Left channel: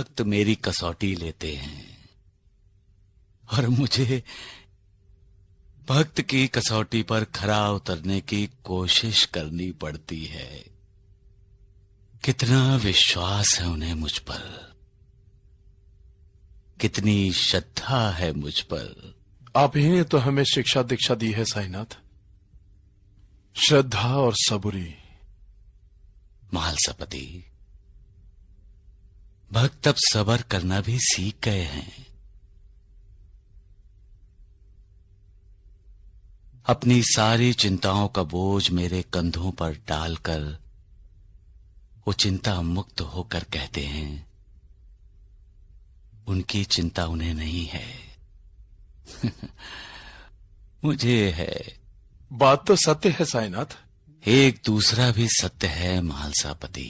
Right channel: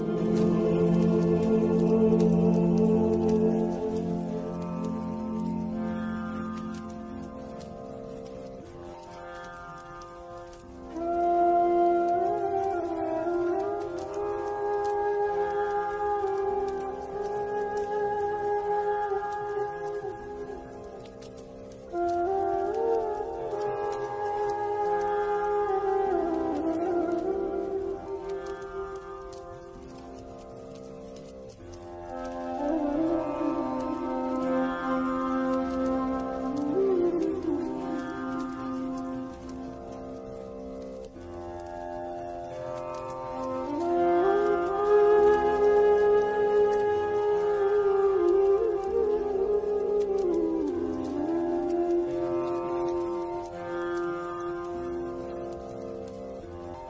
भक्त मेरी कसौटी लेते हैं और मुझे भक्त की कसौटी पर खरा उतरने की कोशिश करनी पड़ती है। कितना विश्वास है उन्हें मुझ पर, कितनी श्रद्धा है मुझ पर। आप ही ने तो हमें शिक्षा दीक्षा दी है साईनाथ, श्रद्धा और सबूरी। महालसापति, भक्त अब सब्र करना भी सीख गए हैं। अपनी सारी चिंताओं का बोझ मेरे कंधों पर डालकर वो चिंता मुक्त होकर कहते हैं उनकी चिंता उन्हें नहीं है मुझे है। बात तो सत्य है साईनाथ। एक दूसरा भी सत्य है महालसापति,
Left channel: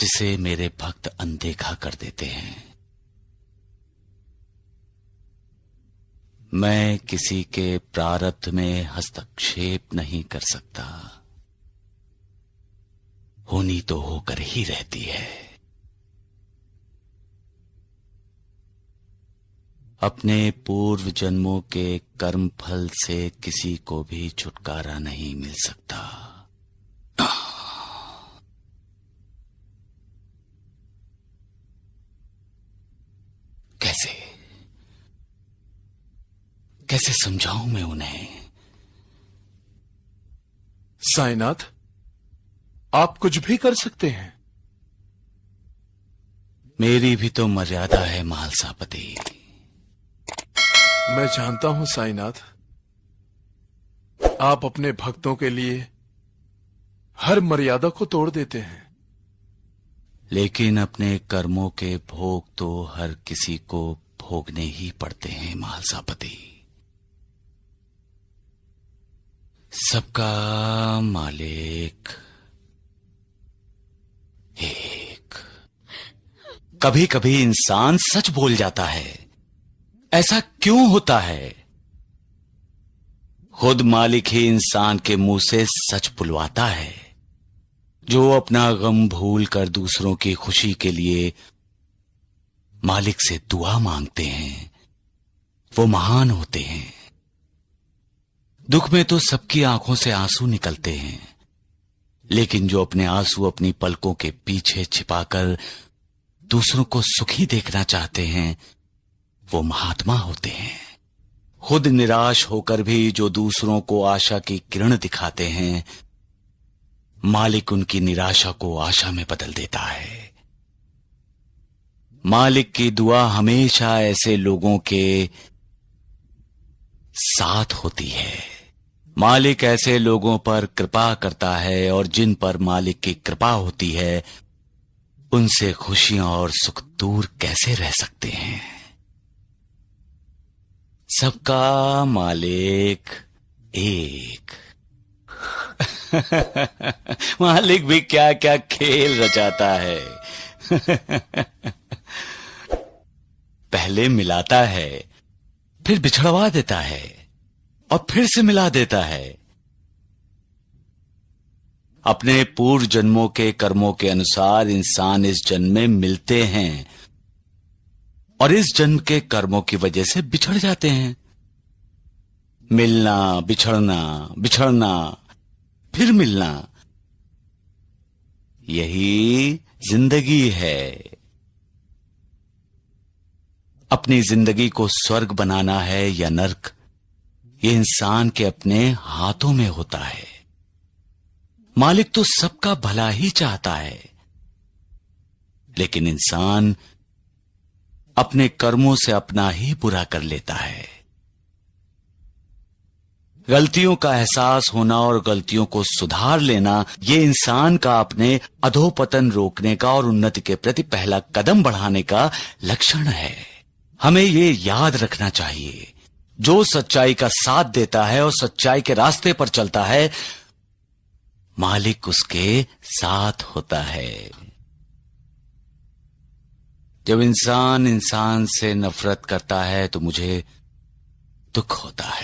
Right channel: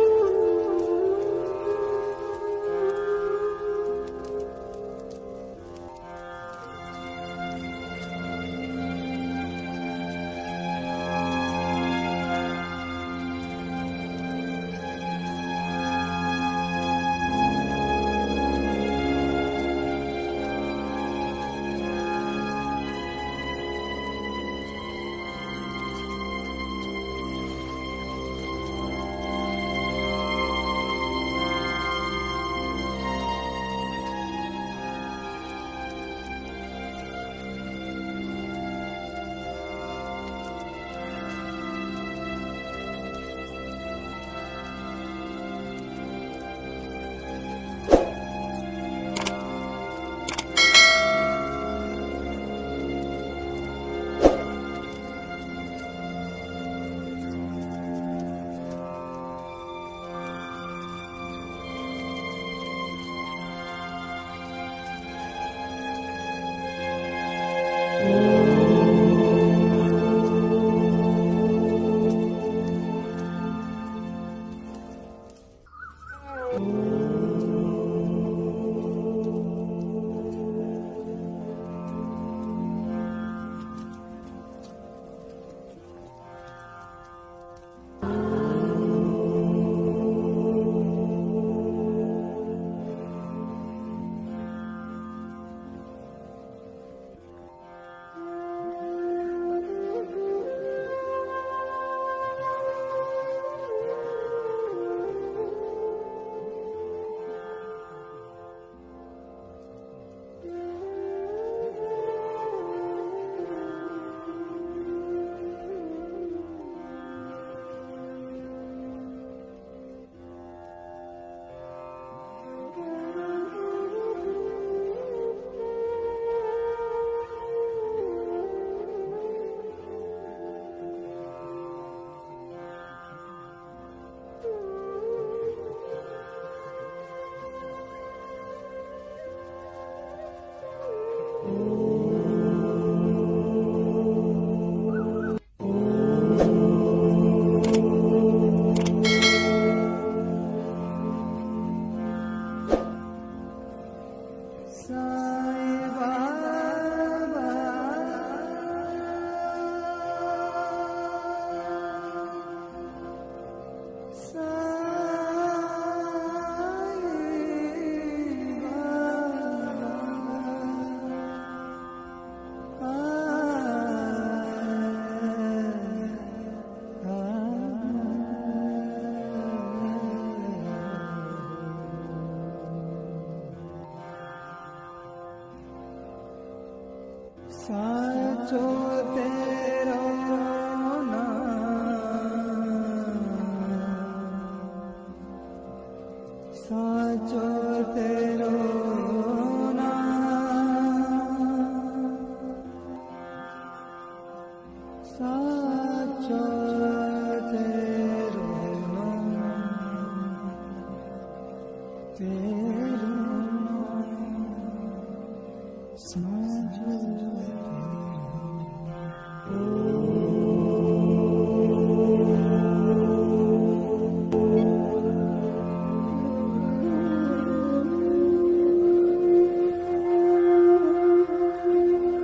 जिसे मेरे भक्त अनदेखा कर देते हैं। मैं किसी के प्रारब्ध में हस्तक्षेप नहीं कर सकता, होनी तो होकर ही रहती है। अपने पूर्व जन्मों के कर्म फल से किसी को भी छुटकारा नहीं मिल सकता। कैसे कैसे समझाऊं मैं उन्हें? साईनाथ, आप कुछ भी कर सकते हैं। मेरी भी तो मर्यादा है महालसापति। मैं जानता हूं साईनाथ, आप अपने भक्तों के लिए हर मर्यादा को तोड़ देते हैं, लेकिन अपने कर्मों के भोग तो हर किसी को भोगने ही पड़ते हैं महालसापति। सबका मालिक एक। कभी कभी इंसान सच बोल जाता है, ऐसा क्यों होता है? खुद मालिक ही इंसान के मुंह से सच बुलवाता है। जो अपना गम भूल कर दूसरों की खुशी के लिए मालिक से दुआ मांगते हैं, वो महान होते हैं। दुख में तो सबकी आंखों से आंसू निकलते हैं, लेकिन जो अपने आंसू अपनी पलकों के पीछे छिपाकर दूसरों को सुखी देखना चाहते हैं, वो महात्मा होते हैं। खुद निराश होकर भी जो दूसरों को आशा की किरण दिखाते हैं, मालिक उनकी निराशा को आशा में बदल देता है। मालिक की दुआ हमेशा ऐसे लोगों के साथ होती है। मालिक ऐसे लोगों पर कृपा करता है, और जिन पर मालिक की कृपा होती है, उनसे खुशियां और सुख दूर कैसे रह सकते हैं? सबका मालिक एक। मालिक भी क्या क्या खेल रचाता है। पहले मिलाता है, फिर बिछड़वा देता है, और फिर से मिला देता है। अपने पूर्व जन्मों के कर्मों के अनुसार इंसान इस जन्म में मिलते हैं, और इस जन्म के कर्मों की वजह से बिछड़ जाते हैं। मिलना, बिछड़ना, बिछड़ना, फिर मिलना, यही जिंदगी है। अपनी जिंदगी को स्वर्ग बनाना है या नर्क, ये इंसान के अपने हाथों में होता है। मालिक तो सबका भला ही चाहता है, लेकिन इंसान अपने कर्मों से अपना ही बुरा कर लेता है। गलतियों का एहसास होना और गलतियों को सुधार लेना, ये इंसान का अपने अधोपतन रोकने का और उन्नति के प्रति पहला कदम बढ़ाने का लक्षण है। हमें ये याद रखना चाहिए, जो सच्चाई का साथ देता है और सच्चाई के रास्ते पर चलता है, मालिक उसके साथ होता है। जब इंसान इंसान से नफरत करता है तो मुझे दुख होता है।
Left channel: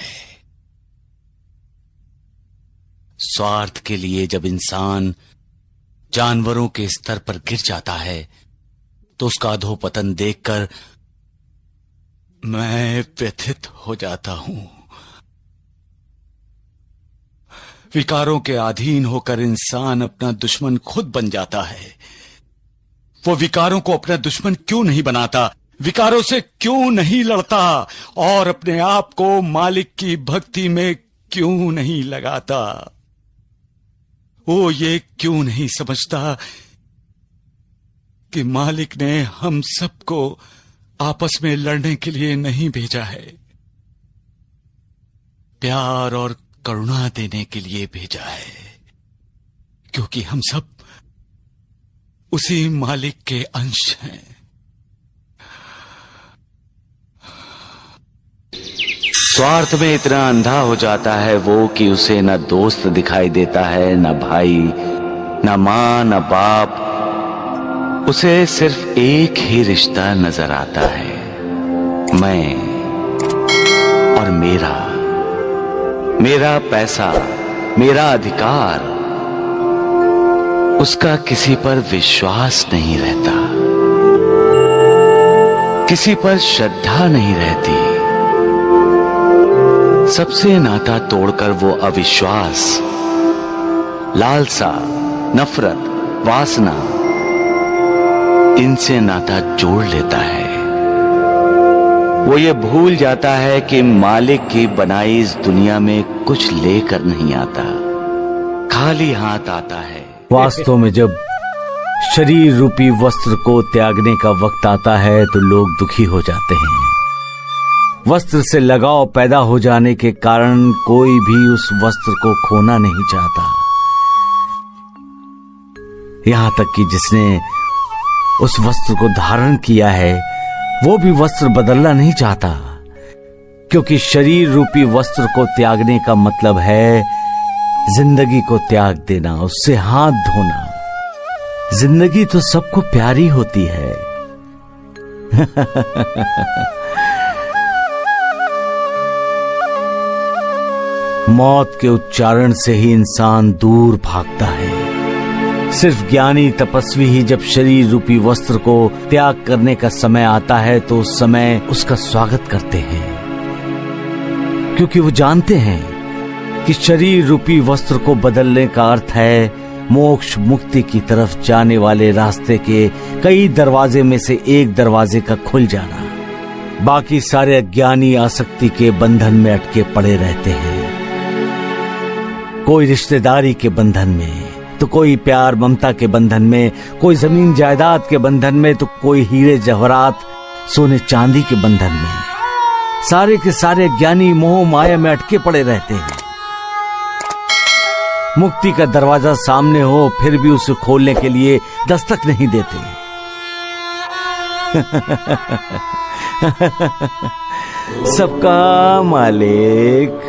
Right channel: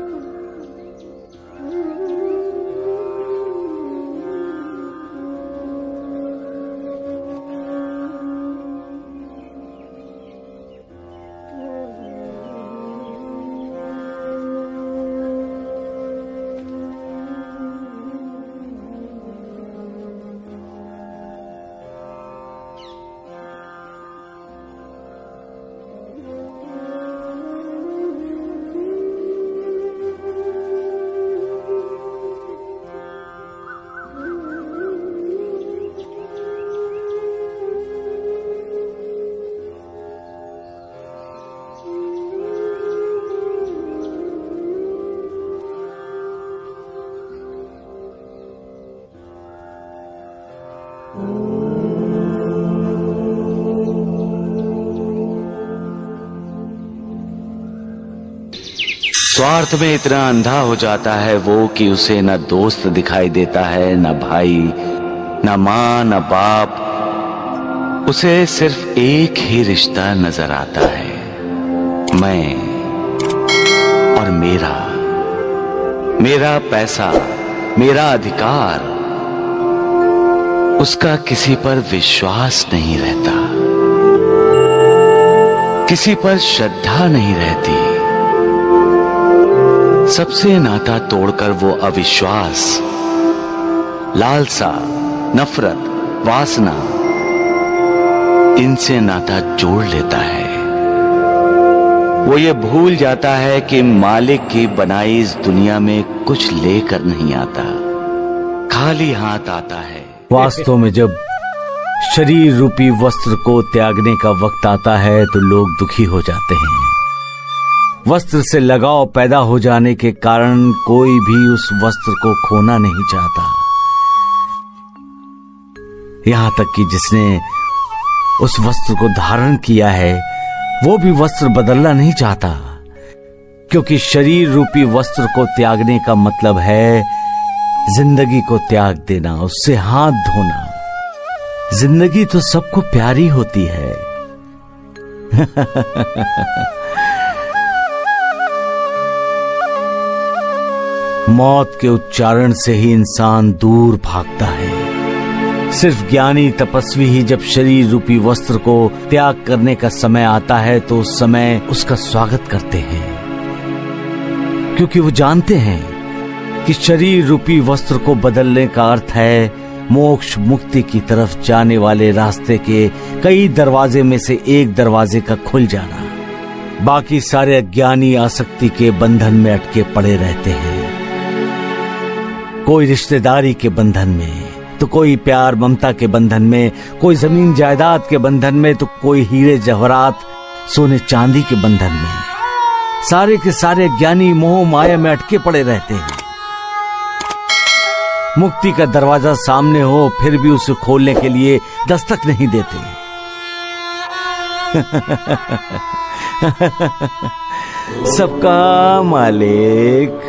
स्वार्थ के लिए जब इंसान जानवरों के स्तर पर गिर जाता है तो उसका अधोपतन देखकर मैं व्यथित हो जाता हूं। विकारों के अधीन होकर इंसान अपना दुश्मन खुद बन जाता है। वो विकारों को अपना दुश्मन क्यों नहीं बनाता, विकारों से क्यों नहीं लड़ता और अपने आप को मालिक की भक्ति में क्यों नहीं लगाता? वो ये क्यों नहीं समझता कि मालिक ने हम सबको आपस में लड़ने के लिए नहीं भेजा है, प्यार और करुणा देने के लिए भेजा है, क्योंकि हम सब उसी मालिक के अंश हैं। स्वार्थ में इतना अंधा हो जाता है वो कि उसे न दोस्त दिखाई देता है, न भाई, न मां, न बाप। उसे सिर्फ एक ही रिश्ता नजर आता है, मैं और मेरा। मेरा पैसा, मेरा अधिकार। उसका किसी पर विश्वास नहीं रहता, किसी पर श्रद्धा नहीं रहती। सबसे नाता तोड़कर वो अविश्वास, लालसा, नफरत, वासना, इनसे नाता जोड़ लेता है। वो ये भूल जाता है कि मालिक की बनाई इस दुनिया में कुछ लेकर नहीं आता, खाली हाथ आता है। वास्तव में जब शरीर रूपी वस्त्र को त्यागने का वक्त आता है तो लोग दुखी हो जाते हैं। वस्त्र से लगाव पैदा हो जाने के कारण कोई भी उस वस्त्र को खोना नहीं चाहता, यहां तक कि जिसने उस वस्त्र को धारण किया है वो भी वस्त्र बदलना नहीं चाहता, क्योंकि शरीर रूपी वस्त्र को त्यागने का मतलब है जिंदगी को त्याग देना, उससे हाथ धोना। जिंदगी तो सबको प्यारी होती है। मौत के उच्चारण से ही इंसान दूर भागता है। सिर्फ ज्ञानी तपस्वी ही जब शरीर रूपी वस्त्र को त्याग करने का समय आता है तो उस समय उसका स्वागत करते हैं, क्योंकि वो जानते हैं कि शरीर रूपी वस्त्र को बदलने का अर्थ है मोक्ष मुक्ति की तरफ जाने वाले रास्ते के कई दरवाजे में से एक दरवाजे का खुल जाना। बाकी सारे अज्ञानी आसक्ति के बंधन में अटके पड़े रहते हैं, कोई रिश्तेदारी के बंधन में तो कोई प्यार ममता के बंधन में, कोई जमीन जायदाद के बंधन में तो कोई हीरे जवाहरात सोने चांदी के बंधन में। सारे के सारे ज्ञानी मोह माया में अटके पड़े रहते हैं। मुक्ति का दरवाजा सामने हो फिर भी उसे खोलने के लिए दस्तक नहीं देते। सबका मालिक